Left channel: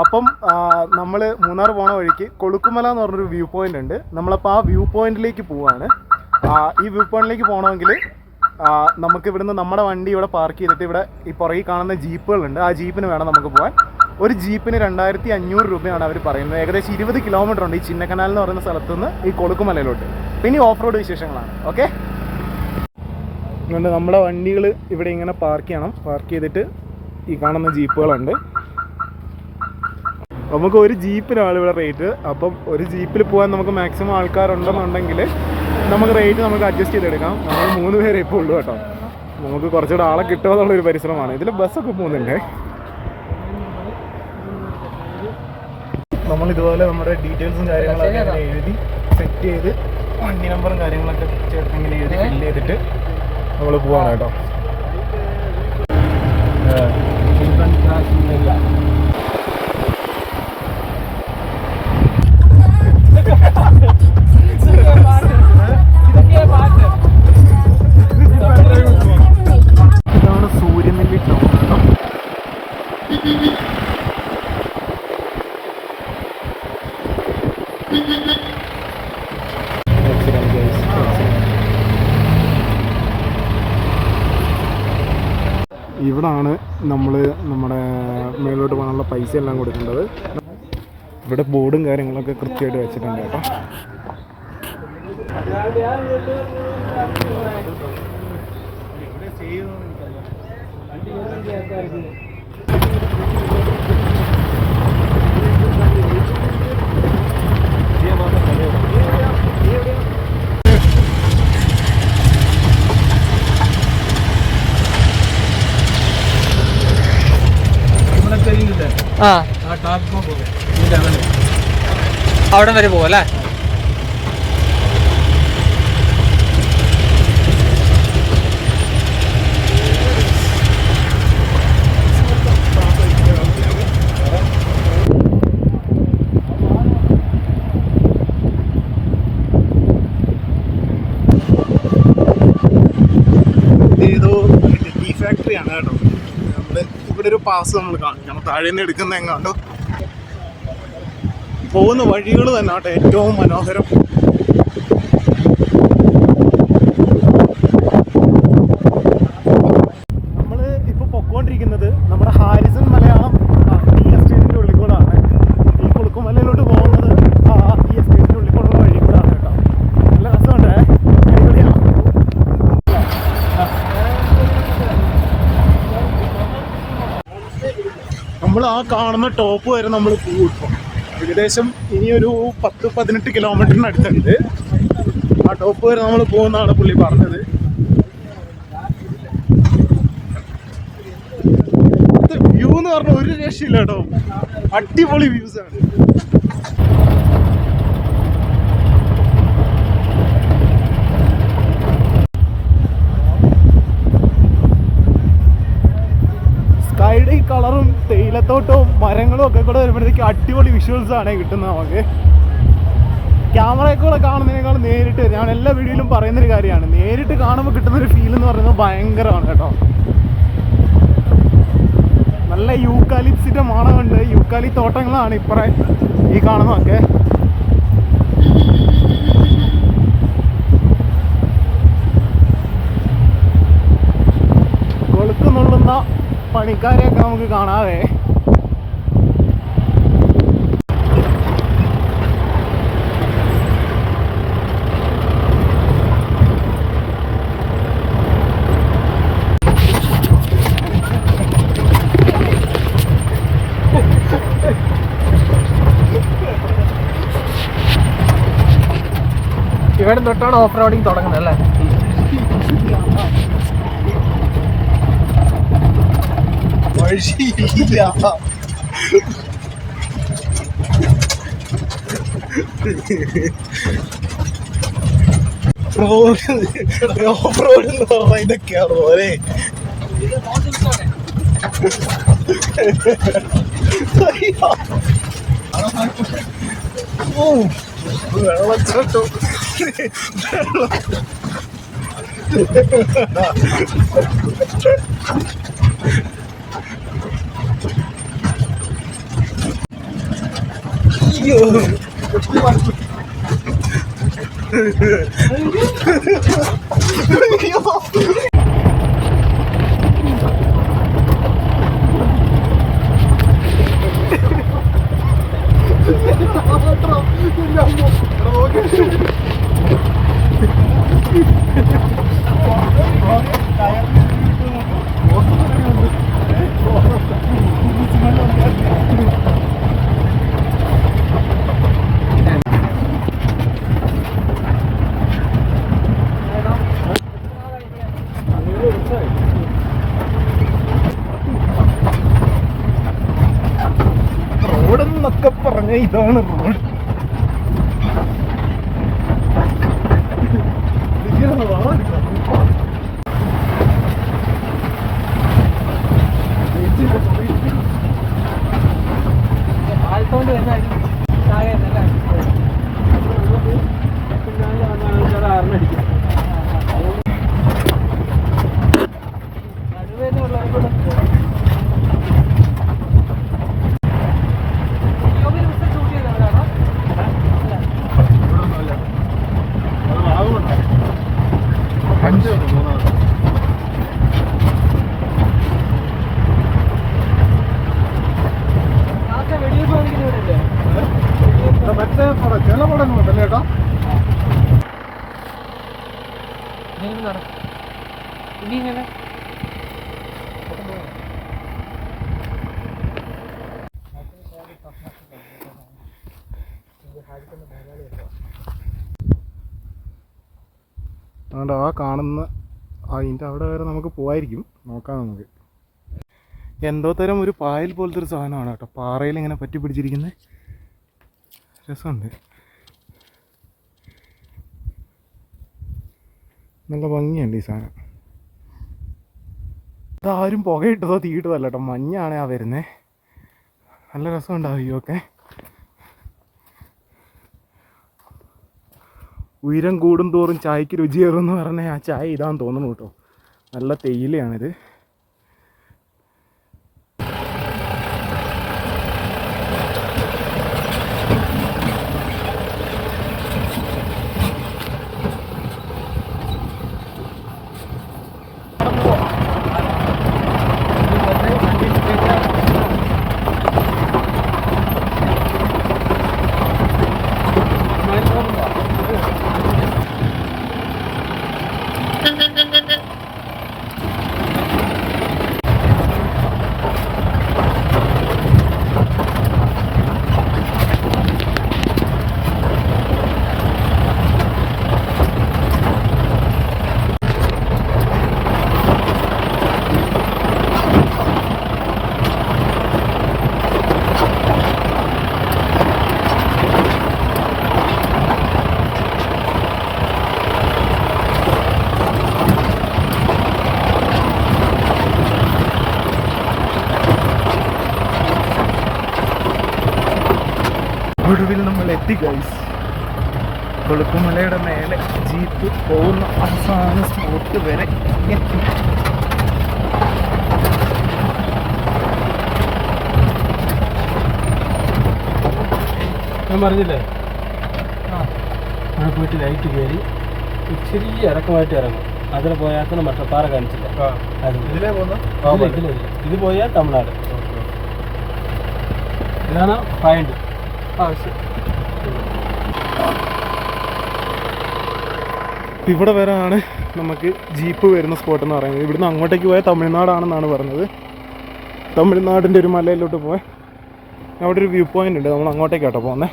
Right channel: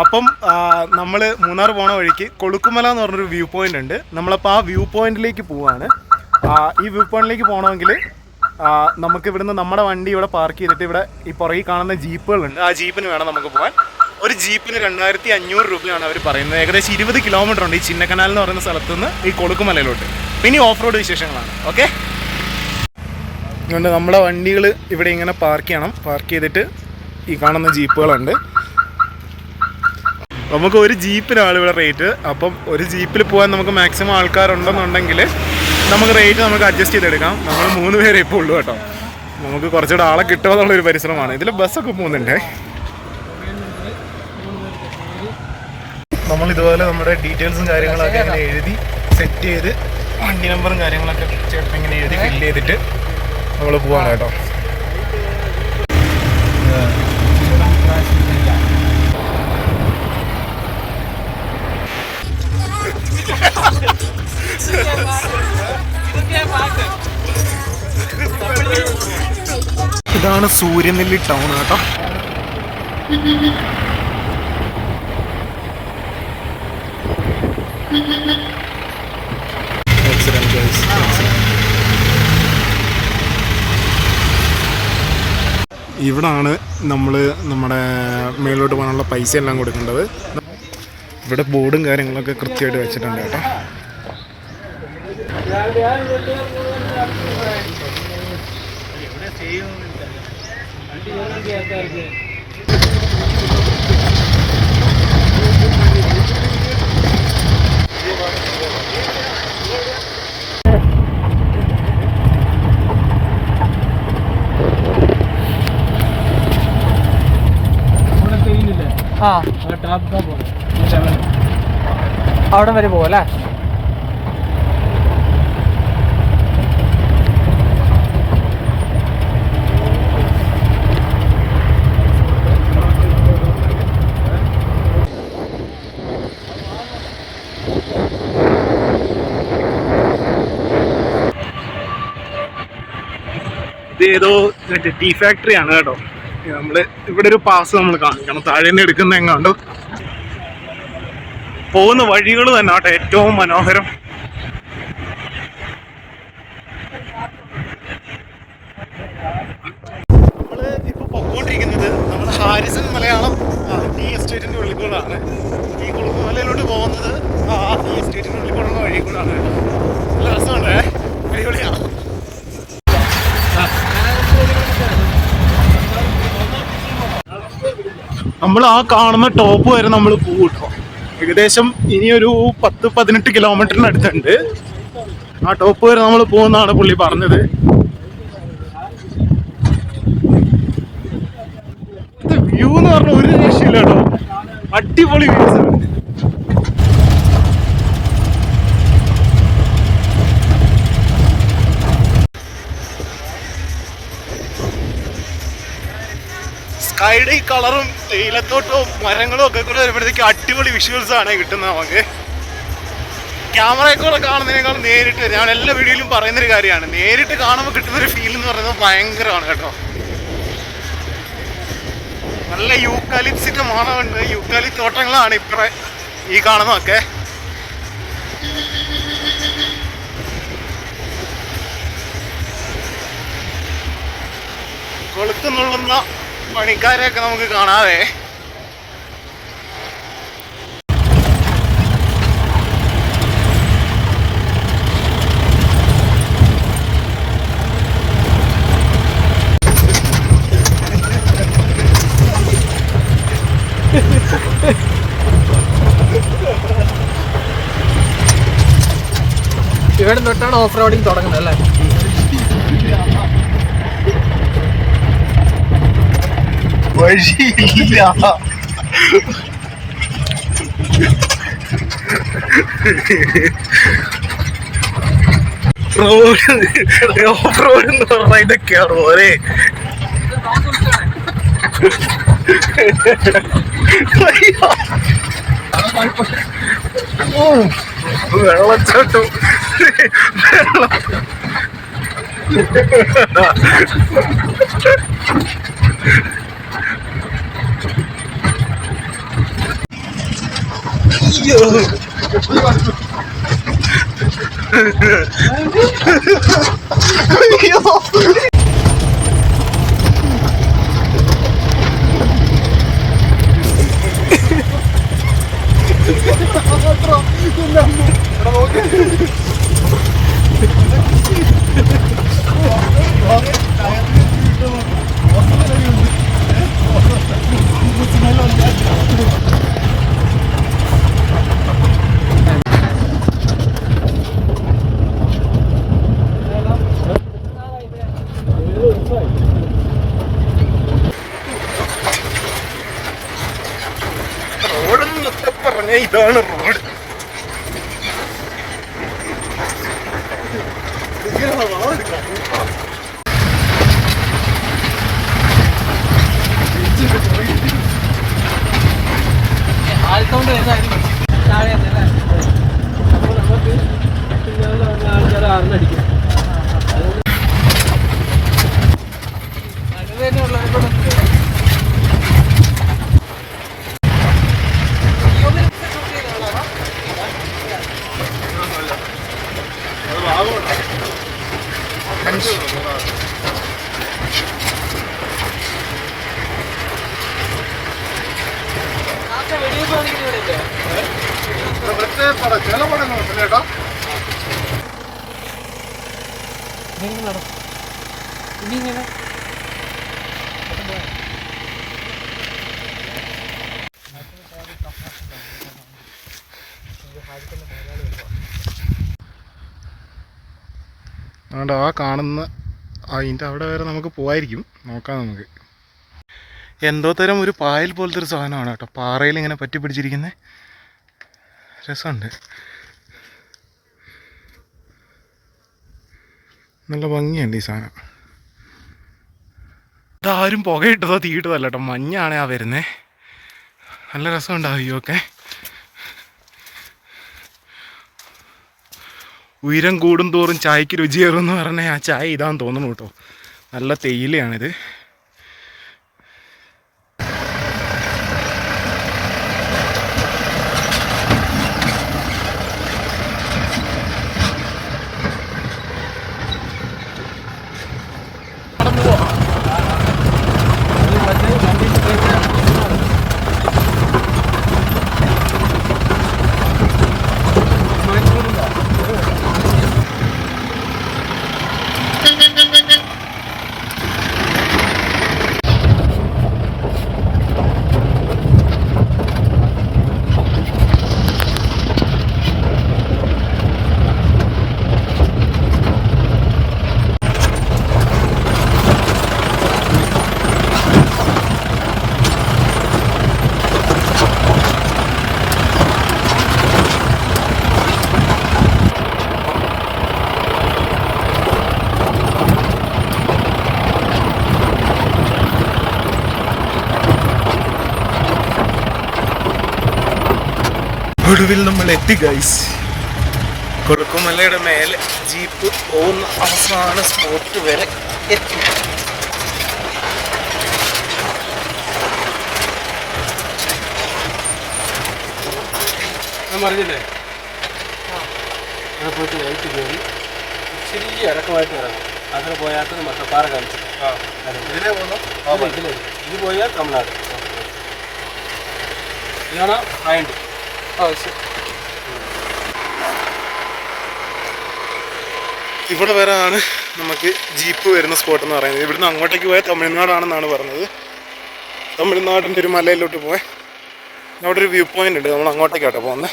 അപ്പം നമ്മൾ മൂന്നാർ പോണ വഴിക്ക് കൊളുക്കുമല എന്ന് പറഞ്ഞൊരു വ്യൂ പോയിന്റ് ഉണ്ട്. നമ്മളപ്പോൾ ആ വ്യൂ പോയിന്റിലേക്ക് പോവാണ്. ഈ വ്യൂ പോയിന്റിലേക്ക് പോകണമെങ്കിൽ നമുക്ക് ഇവിടുന്ന് നമ്മുടെ വണ്ടി ഇവിടെ പാർക്ക് ചെയ്തിട്ട് ഇവിടെ ഈ പുറകിൽ കാണുന്ന ജീപ്പുകളുണ്ട്. ആ ജീപ്പിന് വേണം നമുക്ക് പോകാൻ. ഒരു ജീപ്പിന് 2500 രൂപയാണ് അവർ പറയുന്നത്. ഏകദേശം 20 കിലോമീറ്റർ ഉണ്ട് ഈ ചിന്നക്കനാൽ എന്ന് പറയുന്ന സ്ഥലത്ത് നിന്ന് ഈ കൊളുക്കുമലയിലോട്ട്. പിന്നെ ഓഫ് റോഡ് വിശേഷങ്ങളാണ്. ഓക്കെ, അതുകൊണ്ട് നമ്മുടെ വണ്ടികൾ ഇവിടെ ഇങ്ങനെ പാർക്ക് ചെയ്യണം. പാർക്ക് ചെയ്തിട്ട് ഈ കാണുന്ന ജീപ്പുകളുണ്ട്. നമുക്ക് ഒരു ജീപ്പിനാണ് ഇവിടെ റേറ്റ്. അപ്പം ഒരു ജീപ്പിൽ പോകാൻ നമുക്ക് മാക്സിമം ആൾക്കാരുണ്ടെന്നുണ്ടെങ്കിൽ നമുക്ക് റേറ്റ് നമുക്ക് അഡ്ജസ്റ്റ് ചെയ്തെടുക്കാം. നമ്മൾ 3 പേരെ ഇപ്പോൾ ഉള്ളൂ കേട്ടോ. നമുക്ക് കുറച്ചുകൂടെ ആളെ കിട്ടുക എന്നുള്ളൊരു പരിശ്രമമാണ്. ഇതിൽ ബസ്സൊക്കെ പോകുന്നുണ്ട്. നമ്മളിതുപോലെ നമ്മുടെ ഡീറ്റെയിൽസും കാര്യങ്ങളൊക്കെ ഇങ്ങനെ എഴുതി സെറ്റ് ചെയ്ത് വണ്ടി നമ്പറും കാര്യങ്ങളൊക്കെ ചേട്ടൻ ഇങ്ങനെ എഴുതി ഫില്ല് ചെയ്തിട്ട് നമ്മൾ പോവാണ് കേട്ടോ. ഇതാണ് സൂര്യനെല്ലി ടൗൺ കേട്ടോ. ഇവിടാണ് നമ്മൾ നമ്മുടെ മേലോട്ട് പോകാനുള്ള പൈസ എല്ലാം കൊടുക്കേണ്ടത്. ഇവിടെ ബോർഡും കാര്യങ്ങളൊക്കെ കൃത്യമായിട്ട് വെച്ചിട്ടുണ്ട് കേട്ടോ. അവിടെ വരെ പോവല്ലേ? ഇത് ഏതോ ടീ ഫാക്ടറി ആണ് കേട്ടോ. നമ്മള് ഇവിടെ ഒരു പാസ് നമ്മൾ കാണിക്കണം. താഴെ നിന്ന് എടുക്കുന്ന എങ്ങാണ്ടോ. പോകുന്ന വഴികൾ തന്നെ കേട്ടോ ഏറ്റവും മനോഹരം. നമ്മൾ ഇപ്പോൾ പൊക്കോണ്ടിരിക്കുന്നത് നമ്മുടെ ഹാരിസൺ മലയാളം ടീ എസ്റ്റേറ്റിൻ്റെ ഉള്ളിൽ കൂടാണ്. ഈ കുളുക്കുമലയിലോട്ട് പോകുന്നത് ടീ എസ്റ്റേറ്റിൻ്റെ ഉള്ളിൽ കൂടെയുള്ള വഴി കൂടാണ് കേട്ടോ. നല്ല രസമുണ്ടേ, അടിപൊളിയാണ്. നമ്മൾ ആ കാണുന്ന ടോപ്പ് വരെ നമ്മൾ പോകും. ഏകദേശം ഇനിയൊരു 10-18 കിലോമീറ്ററിനടുത്തുണ്ട്. ആ ടോപ്പ് വരെ നമ്മൾ പോകുന്നതാണ് പുള്ളി പറഞ്ഞത്. ഇത് വ്യൂ എന്ന് പറഞ്ഞാൽ ഒരു രക്ഷയില്ല കേട്ടോ. അടിപൊളി വ്യൂസ് ഉണ്ട്. സ്കൈയുടെ ഈ കളറും തേയിലത്തോട്ടവും മരങ്ങളും ഒക്കെ കൂടെ വരുമ്പോഴത്തേക്ക് അടിപൊളി വിഷ്വൽസ് ആണ് കിട്ടുന്നത് നമുക്ക്. ക്യാമറയിൽ കൂടെ കാണുന്നതിനേക്കാൾ നേരിട്ട്, ഞാൻ എല്ലാ വീഡിയോയിലും പറയുന്നൊരു കാര്യമാണ്, നേരിട്ട് കാണുമ്പോൾ കിട്ടുന്നൊരു ഫീൽ എന്ന് പറയുന്നത് ഭയങ്കരമാണ് കേട്ടോ. നല്ല യൂക്കാലിപ്സിൻ്റെ മണമുണ്ട്. യൂക്കാലി തോട്ടങ്ങളാണ് ഇപ്പറ ഈ കാണുന്നതൊക്കെ. കൊളുക്കുന്നുള്ളുന്ന പണിക്കാരെയൊക്കെ നമുക്ക് കാണാതെ. ഇവിടെ തൊട്ടാണ് ഓഫ് റോഡിങ് തുടങ്ങുന്നത് അല്ലേ? വഴിയില്ല. റോഡ് ഓഫ് റോഡ് എന്ന് പറഞ്ഞാൽ ഇതൊക്കെയാണ് ഓരേ. വെള്ളച്ചാട്ടം വെള്ളം റോഡെന്നൊക്കെ പറഞ്ഞ ഇതാണ് റോഡ്. ആൾക്കൊണ്ട് വരുന്നതായിരിക്കും താഴെ അല്ലേ? അപ്പോൾ നമുക്ക് പിന്നാലെ വന്ന ആൾക്കാർ ആറിനടിക്കാം. അത് തന്നെയുള്ളവരോട് ചില പടങ്ങളുണ്ടല്ലേ ചേട്ടാ? ഇങ്ങനെ അതുകൊണ്ട് ആ കാണുന്ന അതിൻ്റെ അവിടെ വരെ നമുക്ക് പോവായിരിക്കും. നോക്കാം നമുക്ക്. എന്തോ തരം ഒരു പായൽ പോലത്തെ ഒരു സാധനമാണ് കേട്ടോ, പാറയിൽ ഇങ്ങനെ പറ്റി പിടിച്ചിരിക്കുന്നത്. രസമുണ്ട്, നല്ല ഭംഗിയുണ്ട് ഈ സാധനം. ഇതാരും പുകയിട്ടതോ തീയിട്ടതല്ല കേട്ടോ, മഞ്ഞാണ് ആ വരുന്നത്. നല്ല രസമുണ്ടാവും ഇയൊക്കെ. ഉയരം കൂടും തോറും ചായക്ക് രുചിയേറും എന്ന് പറഞ്ഞാൽ ആ ചായ ഇതാന്ന് തോന്നുന്നു കേട്ടോ. നല്ല തേയിലയാണിത്. ഒടുവിൽ നമ്മൾ എത്തി ഗൈസ്. കൊളുക്കുമലയുടെ മേലെ ജീപ്പ് പോകുന്ന അവസാന സ്പോട്ട് വരെ എത്തി. ഞാൻ പറഞ്ഞില്ലേ, അവിടെ പോയിട്ട് ലൈറ്റ് കയറി ഇച്ചിരി ഇറക്കമായിട്ട് ഇറങ്ങും. അതിന് പോയാൽ മട്ടപ്പാറ കാണിച്ചില്ല. ഇത് പോയാൽ തമിഴ്നാട്. ഇതാണ് പോയിന്റ്. ഇവിടെ വരെയാണ് നമുക്ക് ജീപ്പ് വരുന്ന സ്പോട്ട് എന്ന് പറയുന്നത്. ഇവിടുന്ന് അങ്ങോട്ടേക്ക് പോയാൽ തമിഴ്നാടാണെന്നാണ് പറഞ്ഞത്. തമിഴ്നാടിൻ്റെ ഒരു മലയിലോട്ട് പോയാൽ അവിടെ ഒരു വ്യൂ പോയിൻ്റ് ഉണ്ട്. നമ്മൾ അങ്ങോട്ടേക്കാട്ടോ പോകുന്നത്.